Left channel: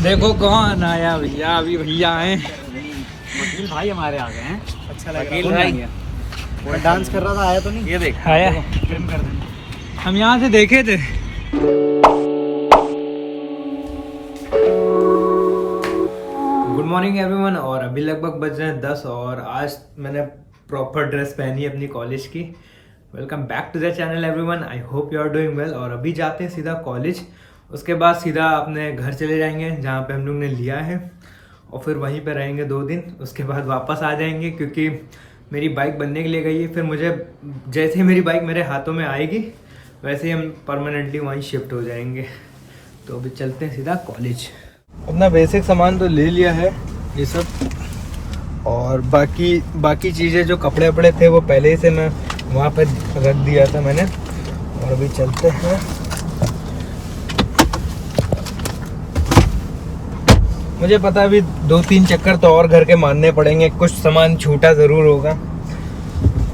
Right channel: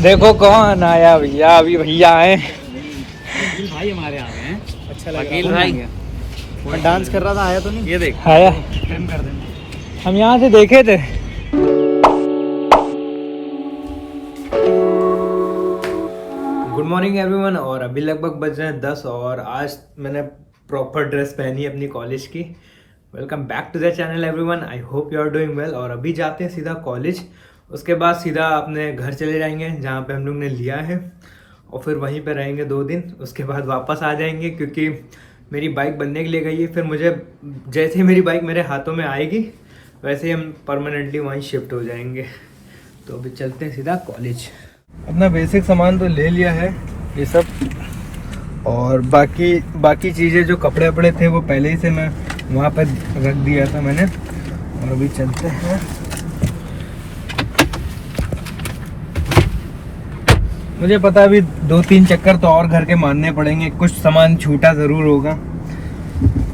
देखो कौन आया भैया, अभी भैया आए। वकील भाई हमारे आ गए हैं। अच्छा लग वकील रहा भाई है। मैं डांस कर रहा था, आया तो नहीं? ये देख आया। फिल्म कर देना। हम यहाँ से देखे थे। Good morning everyone. और अभी लगभग बज रहे हैं 10 और आज मैंने प्रॉपर ड्रेस पहनी है अपनी कॉलेज की। Welcome back to the channel everyone. I hope you are doing well. और अभी जाते हैं सीधा कॉलेज, उसके बाद सीधा अपने घर चले जाएंगे जहाँ पे हम लोग ने लिया है, और फिर वहीं पे रहेंगे 2 दिन। उसके बाद वापस आ जाएंगे क्योंकि मेरी बाइक बनने के लिए गई है। फिर मुझे जैसे ही मेरी बाइक मेरे हाथों में आएगी वैसे ही हम परमानेंटली वहीं शिफ्ट हो जाएंगे। तो अभी चलते हैं सीधा कॉलेज। अपना बेसिक सामान तो ले लिया है ये सब, और बाकी चीज़ें जो कपड़े वपड़े थे वो पहले ही से मैं वहाँ पर रख दिया था मैंने। और अभी चलते हैं। मुझे पता है अभी 2-3 चक्कर तो और घर के मारने पड़ेंगे, कुछ सामान छूटा ज़रूर होगा।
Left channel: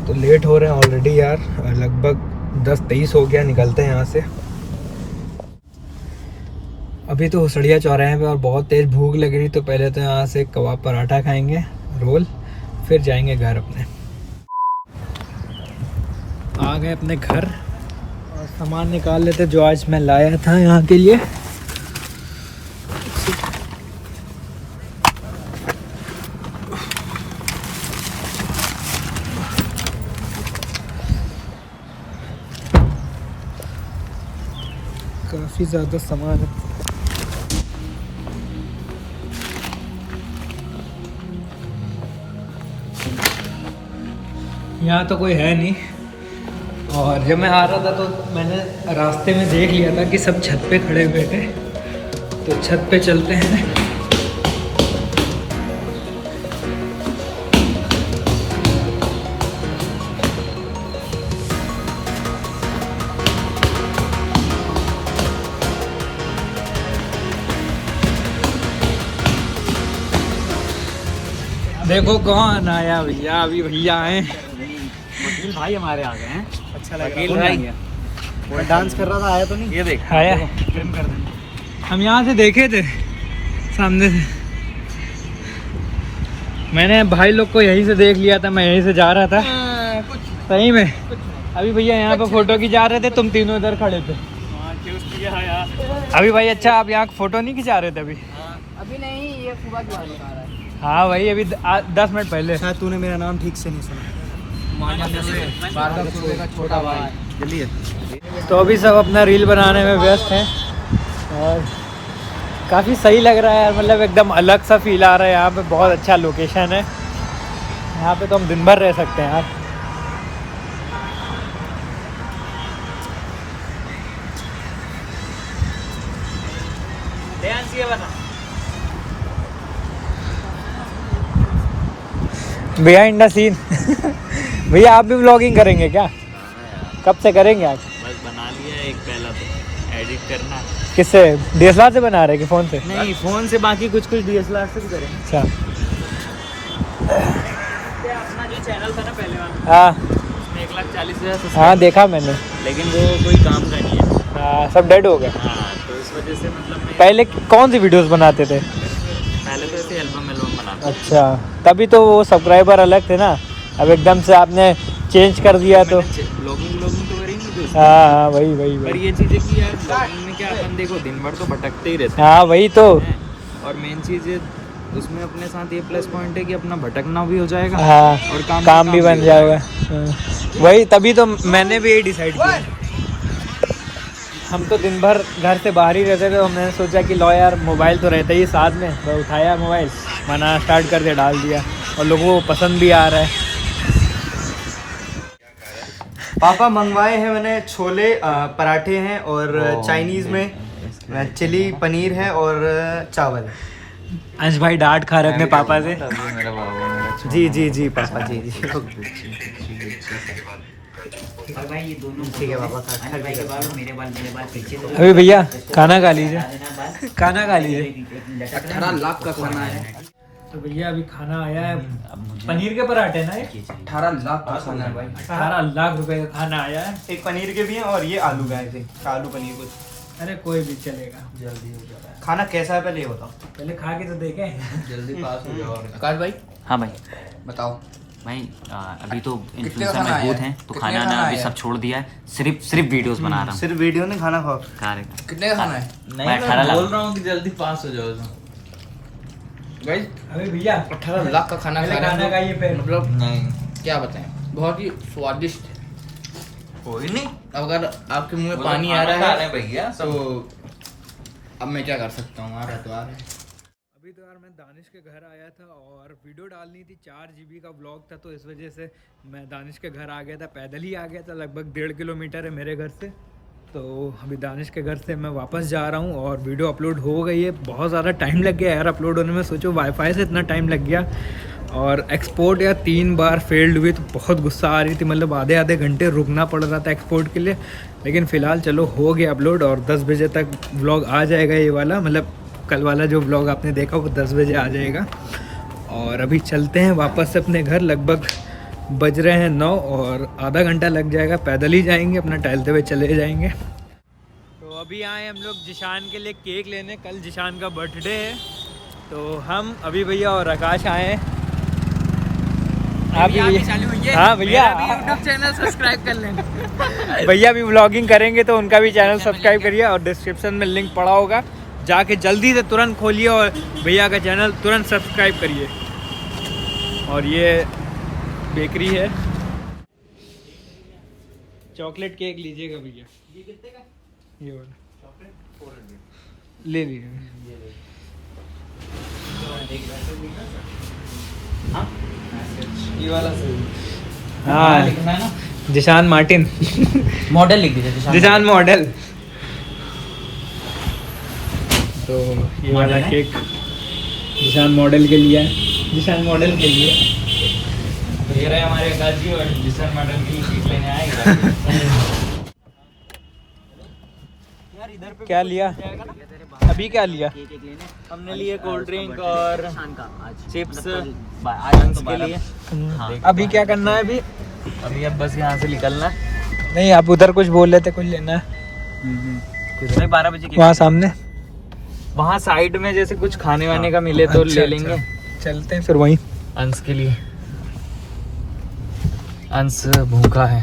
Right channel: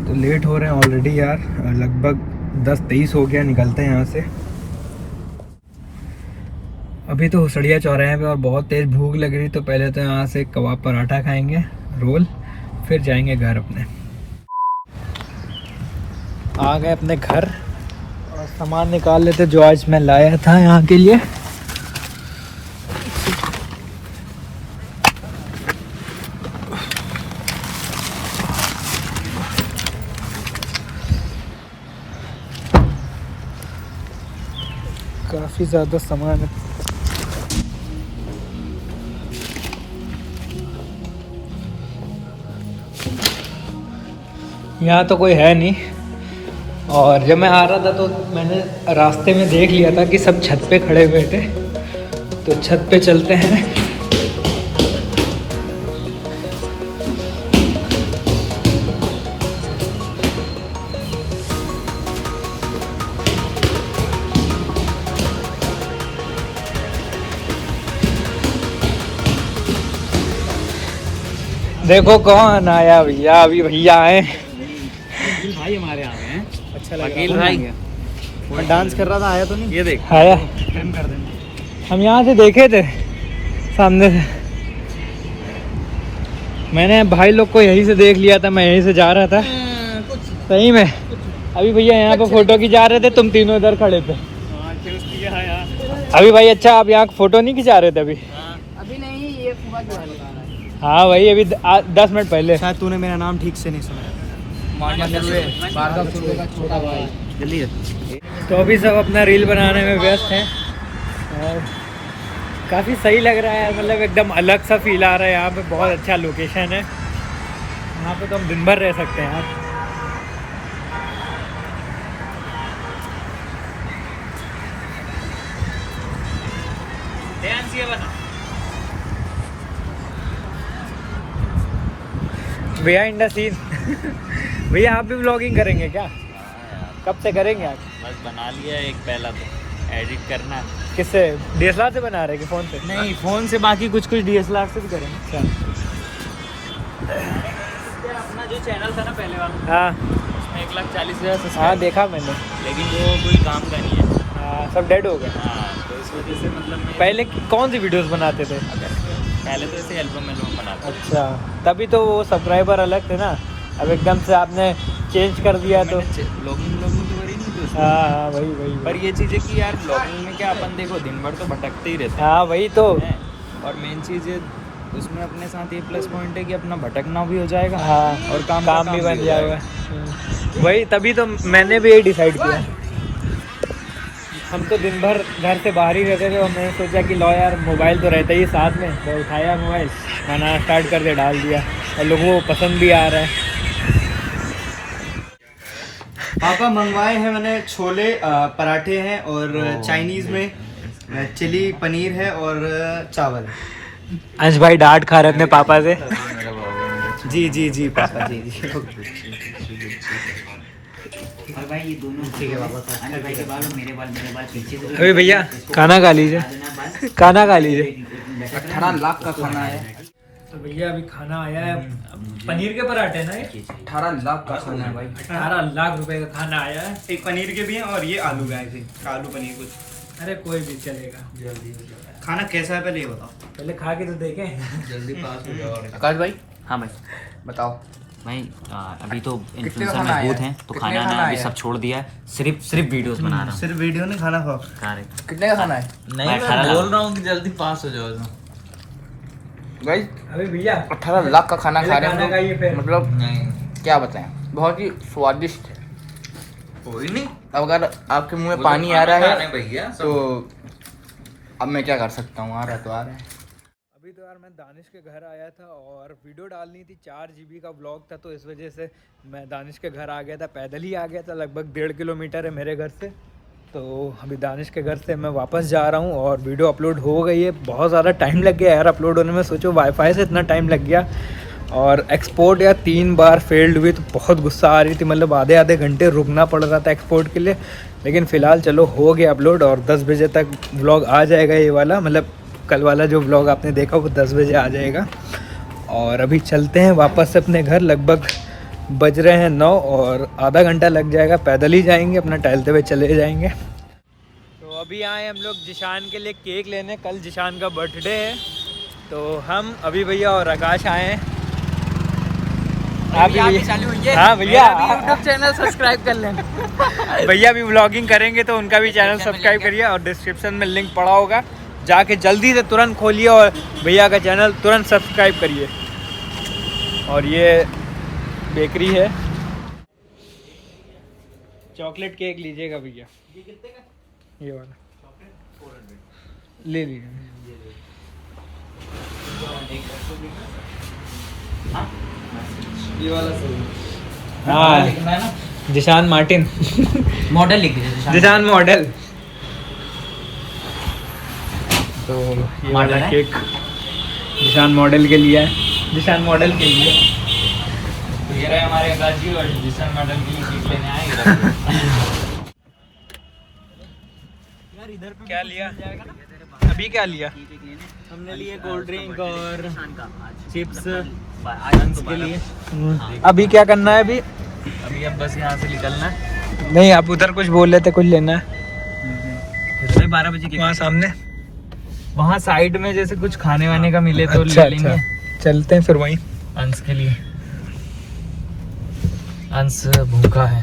तो लेट हो रहे हैं ऑलरेडी यार, लगभग 10-23 हो गया। निकलते हैं यहाँ से। अभी तो हुसड़िया चौराहे पे और बहुत तेज़ भूख लग रही, तो पहले तो यहाँ से कबाब पराठा खाएंगे, रोल, फिर जाएंगे घर अपने। आ गए अपने घर और सामान निकाल लेते जो आज मैं लाया था यहाँ के लिए। काफ़ी ज़्यादा सामान है। यहाँ तो कोई है नहीं, और जब मैं आ रहा था तो मैंने रास्ते में देख लिया था कि सब छत पे खड़े हुए थे, तो छत पे चलते हैं। देखो कौन आया भैया, अभी भैया आए। वकील भाई हमारे आ गए हैं। अच्छा लग वकील रहा है। भाई मैं डांस कर रहा था, आया तो नहीं? ये देख आया। फिल्म कर देना। हम यहाँ से देखे थे सामने से। मैंने भाई लोग को यहीं से देख लिया था, मैं यहीं से जा रहा था। सही में अभी भैया यहाँ पे फोटो खिंचा रहे थे, तुम तीनों इधर खड़े थे। अभी भाई अच्छा, आप यहाँ फोटो नहीं खिंचा रहे थे अभी? अभी नहीं, ये फुआ की वाली आ रहा है। हाँ भाई, अभी 10 मिनट पहले। शायद तूने मेरा नाम ठीक से नहीं सुना। छोटा भाई जल्दी है। तो अभी सब अपना रील बनाने में व्यस्त हैं, और काफ़ी सही लग रहा है यार। मतलब एकदम अलग सा फील आ रहा है यहाँ पे। बहुत अच्छा लोकेशन है यहाँ पे, तो हम दिन भर रह सकते हैं यार। Behind the scene. भैया आप भी व्लॉगिंग करेंगे क्या? कब से करेंगे आप? बस बना लिया एक, पहला तो एडिट करना है। किससे, DSLR से बना रहे कि फ़ोन से? नहीं, फोन से, बाकी कुछ DSLR से भी करेंगे। अच्छा। अपना जो चैनल था ना पहले वाला, हाँ उसमें 1,40,000 सब्सक्राइबर। हाँ देखा मैंने। लेकिन वो कोई काम का नहीं है। हाँ, सब डेड हो गए। हाँ, तो इस वजह से मतलब मैं पहले कौन सी वीडियोस बनाते थे? पहले तो ऐसे एल्बम बनाता था। अच्छा, तभी तो वो सब्सक्राइबर अलग थे ना। अब एकदम से आपने चेंज कर दिया तो। ब्लॉगिंग तो करी नहीं थी। हाँ वही पर ये चीज़ है कि यार ब्लॉगिंग में क्या, अपन देखो दिन भर तो भटकते ही रहते हाँ वही तो। हैं। और मेन चीज़ उसमें अपने साथ ये प्लस पॉइंट है कि अपना भटकना भी हो जाएगा। हाँ, और काम भी बन हो जाएगा। हाँ, वही, तभी तो मैंने भी यही डिसाइड किया। हम तो दिन भर घर से बाहर ही रहते थे, और मैंने सोचा कि लो यार, मोबाइल तो रहता ही साथ में। मैं उठाया मोबाइल, बनाना स्टार्ट कर दिया, डाल दिया, और लोगों को पसंद भी आ रहा है। पापा मंगवाए हैं मैंने छोले पराठे हैं, और चाइनीज़ में चिली पनीर है और चावल। अंश भाई डांट खा रहे अपने पापा से। जी जी जी पापा जी जी। और भाई ये दोनों ठीक है पापा, खा भाई के बाल मेरे बाल पीछे से। अभी भैया खाना खा लीजिए, खाना खा लीजिए। 18 लाख का खाना है। तो भैया अभी खाना आया है, पनीर के पराठे ना ये। 18 लाख का खाना है भाई। 18 लाख रुपए का खाना आया है। एक पनीर के भी हैं और ये आलू का है, आलू पनीर कुछ। अरे कोई भी चलेगा। जल्दी हो जा रहा है। खाना कैसा है पहले ये बताओ। पहले खा के तो देखें। जल्दी पास हो जाओ। आकाश भाई हाँ भाई बताओ। भाई अभी तो का इन्फ्लुएंसर खाना में आया बहुत है? हैं तो कितने खाना का ना खाना अभी आया सब है? छोड़ दिया है, सिर्फ वीडियोस बना रहा हूँ। सिर्फ वीडियो नहीं खाना खाओ। कितने का खाना है? मैं 18 लाख बोल रहा हूँ कि जल्दी पास हो जाओ। भाई अभी भैया 18 लाख का खाना खा रहे खाना खाइए हैं फिर। तो मतलब नहीं क्या बताएं, बहुत ही स्वादिष्ट। कोई नहीं, अगर आपके मुंह में वो तो पानी आ खाना रहा खाना है भैया तो अब मैं क्या कर सकता हूँ, आ रहा तो आ रहा है। अभी तो यार मैं दानिश के घर आया था और वीडियो डालनी थी, 4 GB का व्लॉग था, तो इस वजह से मैं दानिश के घर आ गया था। पैदल ही आ गया था, लगभग 1.5 किलोमीटर है मेरे घर से। तो अभी दानिश के घर से मैं वापस जा रहा हूँ और वीडियो अपलोड हो गई है। बहुत ज़्यादा टाइम लग गया यार अपलोड होने में, सोचो वाईफाई से इतना टाइम लग गया। और एक्सपोर्ट यार 3 बार फेल्ड हुई, तो बहुत गुस्सा आ रही थी, मतलब आधे आधे घंटे रुकना पड़ रहा था एक्सपोर्ट के लिए। लेकिन फ़िलहाल चलो हो गया अपलोड और 10 बजे तक व्लॉग आ जाएगा ये वाला, मतलब कल वाला जो व्लॉग आपने देखा वो 10 बजे आ जाएगा। और अभी चलते हैं वापस से अपने घर, लगभग बज रहे हैं 9 और आधा घंटा लग जाएगा। पैदल ही जाएंगे, अपना टहलते हुए चले जाएंगे। तो अभी आए हम लोग जिशान के लिए केक लेने, कल जिशान का बर्थडे है। तो हम अभी भैया और आकाश आए हैं। आप भी चालू हुई है? हाँ भैया, यूट्यूब चैनल सब्सक्राइब कर लें। भैया भी व्लॉगिंग करेंगे तो उनका भी चैनल सब्सक्राइब करिए और डिस्क्रिप्शन में लिंक पड़ा होगा, जाके जल्दी से तुरंत खोलिए और भैया का चैनल तुरंत सब्सक्राइब करिए। और ये बेकरी है, चॉकलेट केक लीजिएगा भैया, ये वाला ले लीजिए। हाँ लिखना है ना, जिशान मार्टिन, मॉडल लिख दीजिए जिशान मॉडल। तो ये वाला है? केक जिशान मॉडल के लिए है, जिशान मॉडल के लिए। ये रहे हमारे आकाश जी और जिशन मॉडल के लिए फीस लेने आएगा। क्या लिया अभी, क्या लिया? हमने लिए कोल्ड ड्रिंक और चिप्स के लिए। अभी क्या करना है अभी? अभी अब बस यहाँ से निकलना है। नहीं, आप उधर कुछ बोल रहे थे, कुछ लेना है 12 बजे वहाँ सामने। वहाँ साइड में जैसे कुछ खाने वाने का मिले तो अच्छा, ले लेंगे। अच्छा। चलते हैं फिर वहीं। अंश के लिए, अंश भूखा है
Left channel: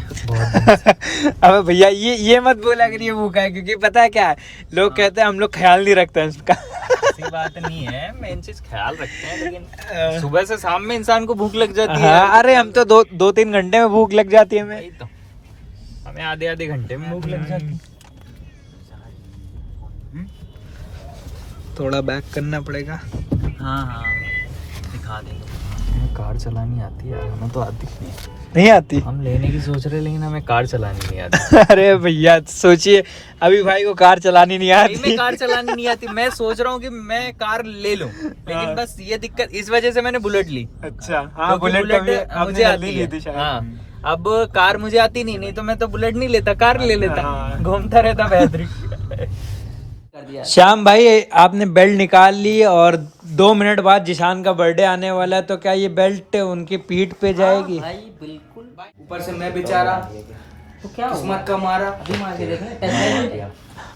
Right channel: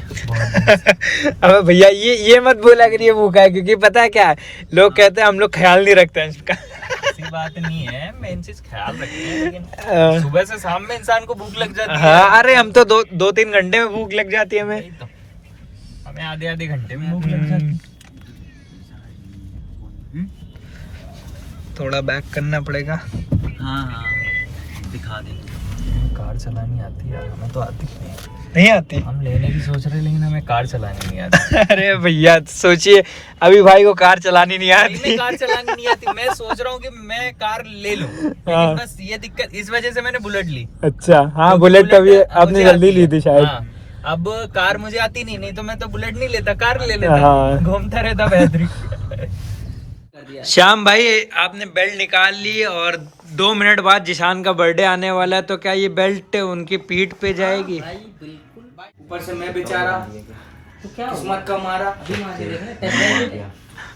अबे भैया ये मत बोला करिए ये भूखा है, क्योंकि पता है क्या है, लोग कहते हैं हम लोग ख्याल नहीं रखते हैं उसका। ऐसी बात नहीं है, मेन चीज ख्याल रखते हैं, लेकिन सुबह से शाम में इंसान को भूख लग जाती है। हाँ, अरे हम तो 2-3 घंटे में भूख लग जाती है हमें। यही तो, हमें आधे घंटे में भूख लग जाती है। थोड़ा बैक करना पड़ेगा। हाँ दिखा दे। कार चलानी आती है, हमें तो आती नहीं आती। हम लेने की सोच रहे, लेकिन हमें कार चलानी नहीं आती। अरे भैया सोचिए, अभी भाई को कार चलानी नहीं आती। मैं कार चलानी नहीं आती, मैं सोच रहा हूँ कि मैं कार ले लूं, लेकिन बस ये दिक्कत, इस वजह से मैंने बुलेट ली। अच्छा, हाँ क्योंकि बुलेट कभी मुझे आपने जल्दी आती ली है। थी शायद। हाँ, अब कार मुझे आती नहीं तो मैं तो बुलेट नहीं लेता, कार ले लेता, हाँ। घूमता रहता बेहतरीन। श्याम भाई, आपने बेल्ट निकाल ली और 2 मिनट बाद जिशान का बर्थडे आने वाला है, तो क्या ये बेल्ट उनकी पीठ पे जाएगी? भाई बिल्कुल, ऊपर से मैं बेचारा तो क्या किस्मत का मारा।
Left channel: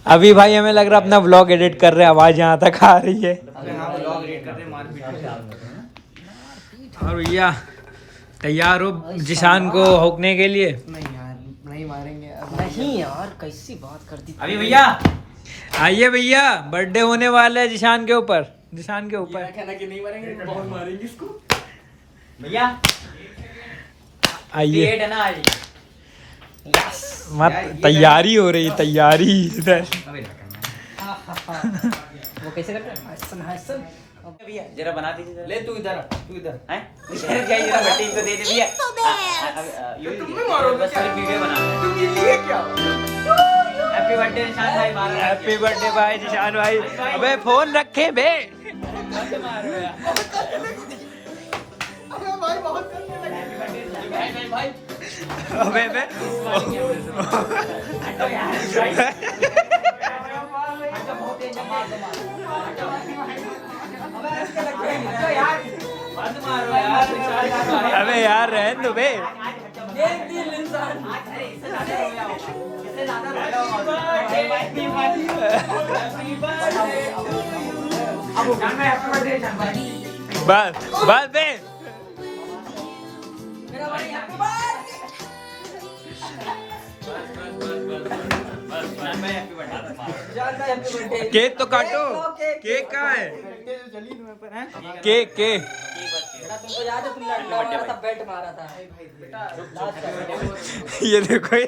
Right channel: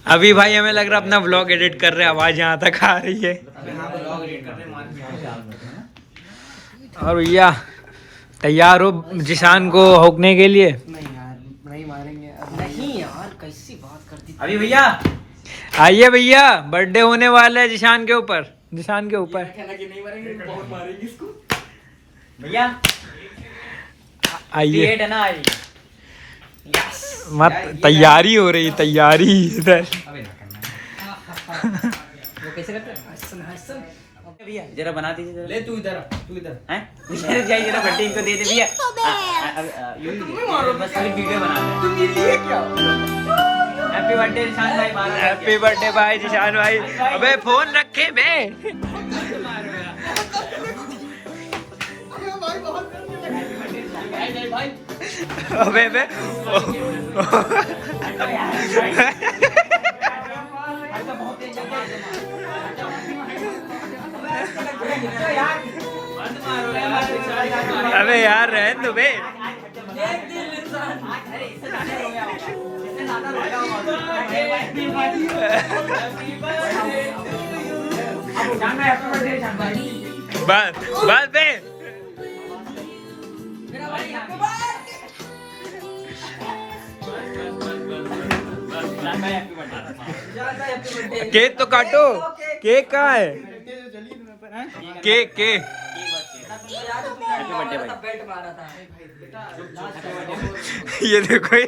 अभी भाई हमें लग रहा है अपना व्लॉग एडिट कर रहे हैं, आवाज यहाँ तक आ रही है। और भैया तैयार हो जिशान को होकने के लिए? नहीं यार, नहीं मारेंगे। नहीं यार, कैसी बात करती। अभी भैया आइए भैया, बर्थडे होने वाला है जिशान के ऊपर, जिशान के ऊपर। नहीं मारेंगे, बहुत मारेंगे इसको। भैया आइए, है ना आज। मत तैयारी हो रही, तैयारी इधर। अबे ना करना। वो कैसे करते हैं? हसन हसन। भैया जरा बना दीजिए। ले तू इधर, तू इधर। हैं? ये ना बट्टी को दे दे भैया। तुम भी मारो, सारी वीडियो बना। तुम ये लिए क्या? हैप्पी बर्थडे निशान भाई, मारो। हैप्पी बर्थडे भाई जिशान भाई। अबे फोन रखे बे। भाई बहुत भाई भाई अबे बे। अबे यार रहने दो बे। बस बस बे केक तो काटो, केक कहाँ है? केक केक ये देखो ये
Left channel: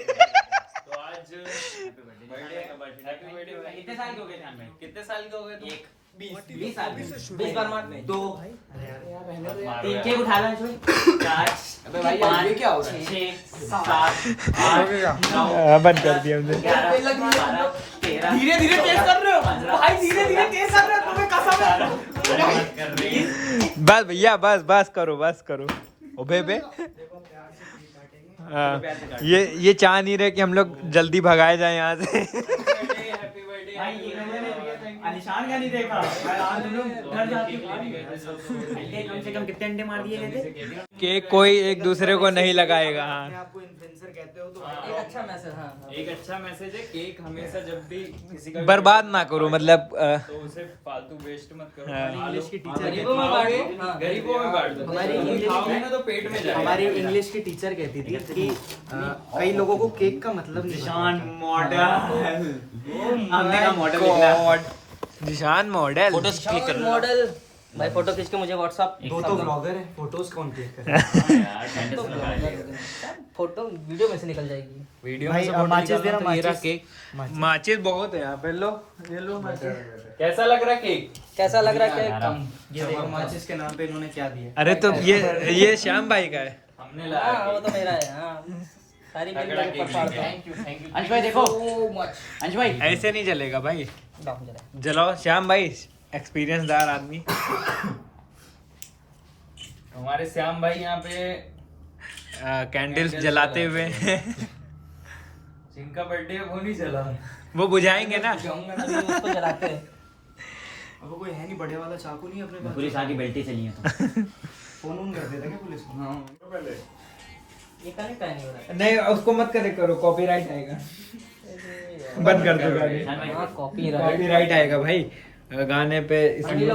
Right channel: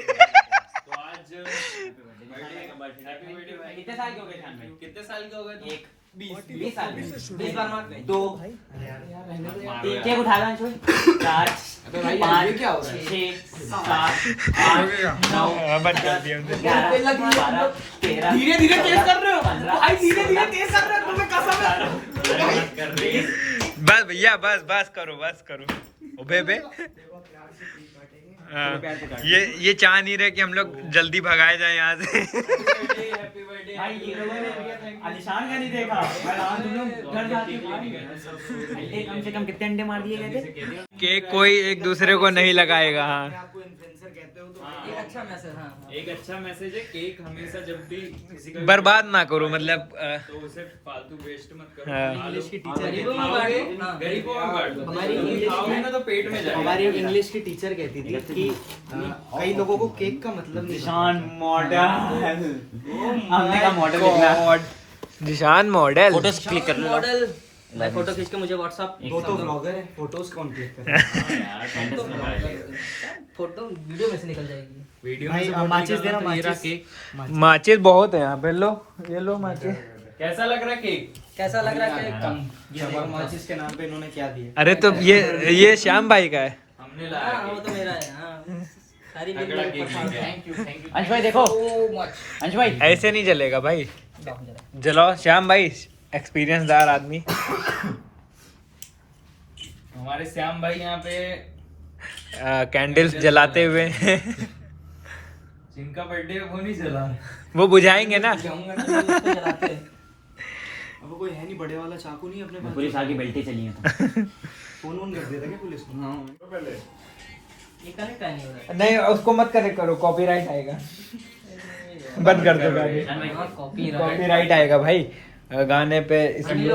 कितने साल के हो गए जान भाई? कितने साल के हो गए तुम? 20 साल 20 बार मार 2 3 केक उठा लो इसमें 4 अबे भाई 5 क्या हो गया 6 7 8 बंद कर दिया हमने। 13 धीरे धीरे तेज कर रहे हो भाई, धीरे धीरे तेज कर रहे हो, तुम्हें कसम है। बस भैया बस बस करो ओबे बे। हाँ, ये चाह नहीं रहे कि हम लोग जल्दी भगाए जाए यहाँ से। निशान का नहीं देखा तुम लोग घर जाके कम से कम कितने अंडे मार दिए गए थे? केक कोई एक दूसरे को नहीं लगाएगा। हाँ आपको इन्फ्लुएंसर कहते हो तो एक अच्छा मैसेज। हाँ एक अच्छा मैसेज है, केक हमेशा जब भी किसी का बर्बाद ना करो, मतलब तो उसे फालतू वेस्ट मत करो। हाँ। इंग्लिश की टीचर गरीबों कहती में बांटो, गरीबों में बांट दो। हमारी तुम इंग्लिश खाओगे ना तो पेट में जाएगा। हमारी इंग्लिश की टीचर कहती थी कि कई लोगों को केक का मतलब नहीं गॉड निशान मॉडल। मॉडल भाई, फोटो खींच के मुझे व्हाट्सएप दो तो ब्लॉगर है, फोटोज कौन क्लिक करे? फोटो वीडियो में से निकल जाएगी। वीडियो भाई, में support माचिस देना, निकालना तो मेरा माचिस। केक माचिस बहुत है यहाँ पे, लो ये लो माचिस। कैसा लग रहा है केक? कैसा लग रहा है? कम ये देखो माचिस के नाम पे इन्होंने क्या दिया। अरे तो ये श्याम भाई का है। हमने हाँ लाया वो तो मेरा है। हाँ सारी तगड़ा बिल केक पर थैंक यू अंश भाई देखो सो मच। अंश भाई ऐसे नहीं चलेगा भाई, जलाओ श्याम भाई, एक्सपीरियंसदार आदमी। हमारे श्याम भाई यहाँ पे कैंडल्स जलाते हुए जिनका बर्थडे वो नहीं चला। वो बुझाएंगे ना। उसको जलाते हैं। अब कोई है नहीं बड़े वाला चाकू नहीं अपने पास। पुलिस आगे बेल्टे चली है तो फोन ऑन कर देता क्या पुलिस को? ये कनेक्ट नहीं हो रहा। नहीं उसको मत करो, कॉपीराइट आएगा। बंद कर दो गाने, कॉपीराइट आएगा भाई गाने पे, इसलिए।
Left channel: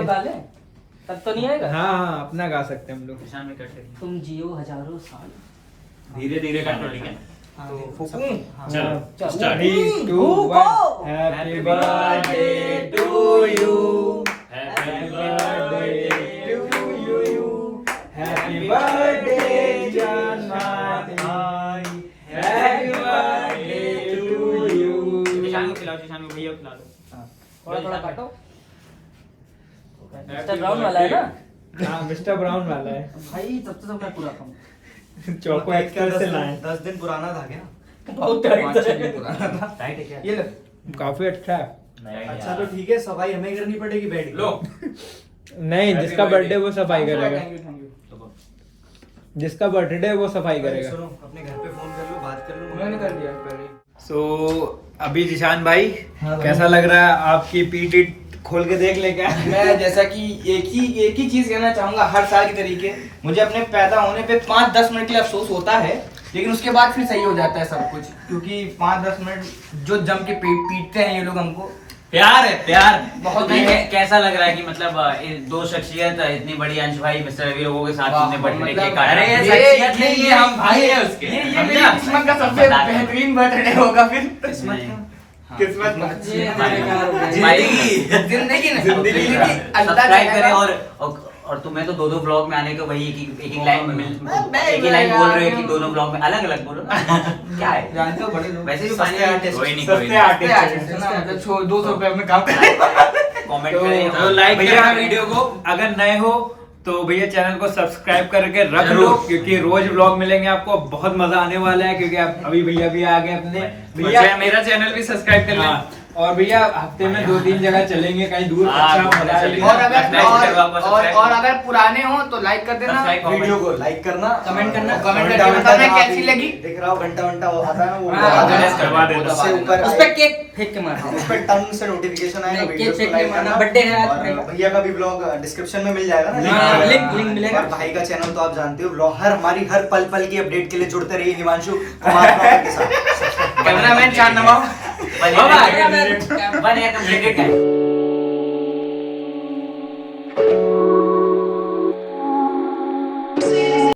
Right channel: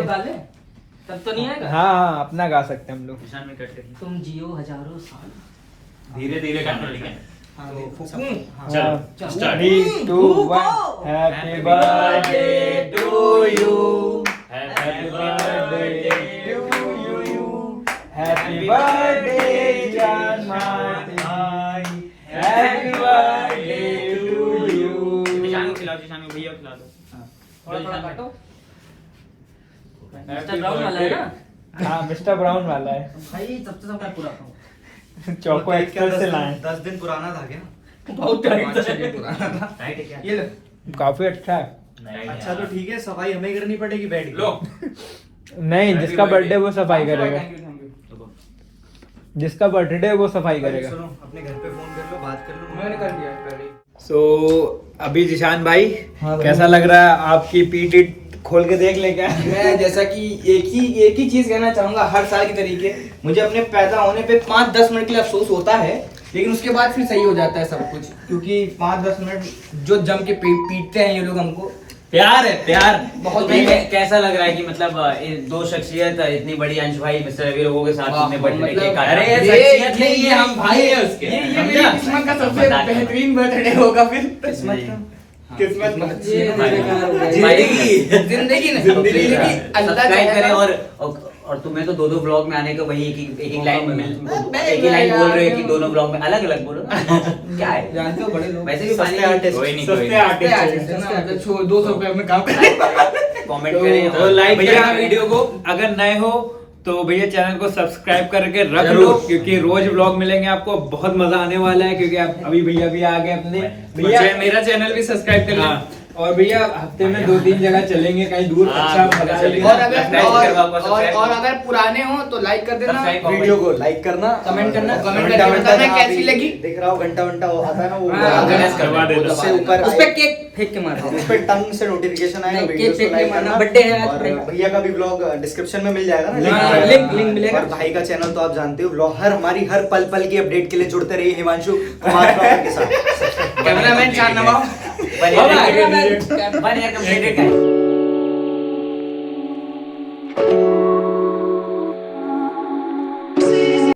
तब तो नहीं आएगा। हाँ अपना गा सकते हैं हम लोग। तुम जियो हजारों साल। धीरे धीरे करना, ठीक है? तो चलो, start. 3 2 1 happy birthday to you, happy birthday to you, happy birthday John Martin, happy birthday to you. भैया खिला दो। थोड़ा काटो। मिस्टर ब्राउन वाला है ना? हाँ मिस्टर ब्राउन वाला है। भाई तब तो सबका पूरा था। चौको एक्सप्रेस से लाए। 10 दिन पुराना था क्या? बहुत पुराना था। ये लो, काफी अच्छा है। अच्छा तो ठीक है, सफाई हमें करनी पड़ेगी बैठ के। लो नहीं जिसका बर्थडे वो सफाई करेगा, जिसका बर्थडे वो सफाई भाई, करेगा। सुनो, अपने घर पे फोन कर लो, बात कर लो। मैंने कर दिया। सो अभी जिशान भाई कैसा लग रहा है? आपकी पीटी खोल के देख ले क्या? मैं जैसा कि एक ही चीज कहना चाहूंगा, हर साल की तरीके मुझे अपने पैदा होने पे 5-10 मिनट के लिए अफसोस होता है, लेकिन उसके बाद फिर सही हो जाता है सब कुछ, क्योंकि 5-10 मिनट जो जम के पीटते हैं ये लोग हमको। प्यार है प्यार बहुत नहीं, है। कैसा लग रहा है कि मतलब ये दो शख्सियत इतनी बड़ी, अंश भाई मिस्टर रवि लोगों के साथ इतने बड़े मतलब- केक काटा। अरे ये ये शख्सियत नहीं, ये हम भाई है उसके। ये मेरी किस्मत का सबसे बेहतरीन बर्थडे होगा फिर। किस्मत किस्मत जिंदगी सब्सक्राइब करें और तुम्हें तो 2-2 ब्लॉग में आने का वही एक ही लाइन बोल रहे हो कि दोनों ब्लॉग में अलग अलग बोलो। क्या है जानते हो बड़े लोग वैसे भी सस्ते आर्टिस्ट, कोई नहीं, सस्ते आर्टिस्ट 200 रुपए में काम करें। कमेंट करें तो लाइक भैया करना वीडियो को, अगर नए हो तो भैया चैनल को सब्सक्राइब करके रख लो, क्योंकि रोज व्लॉग मिलेंगे आपको, बहुत मजा आने वाला है। क्योंकि आप अभी भैया भी आ गए अपने भैया मेरा चैनल भी सब्सक्राइब कर हाँ, और भैया हफ्ते में 2-3 जगह चलेंगे कहीं दूर। अच्छा मजा आएगा। और अगर पुराने हो तो लाइक कर देना, वीडियो को लाइक करना, कमेंट करना, कमेंट घंटा करके घंटा बताना जहाँ कैसी भी लगी। दिख रहा हो घंटा घंटा वो आता है ना, वो हाँ, गणेश करवा देना। उससे ऊपर उस पे केक फेंक के मारना। उस पे टंग से नोटिफिकेशन आएगा, नहीं, वीडियो केक को फेंक लाइक के मारना, करना। birthday है आज और भाई का। भैया का भी ब्लॉग डिस्क्रिप्शन में मिल जाएगा ना, हाँ, लिंक मिलेगा। और भाई का चैनल तो आप जानते हो, ब्लॉग हमारी हर पल पल की अपडेट के लिए जुड़ते रहिए हिमांशु कुमार ब्लॉगर के साथ। कैमरामैन चांद नवाब। बने कंप्लीटेड है।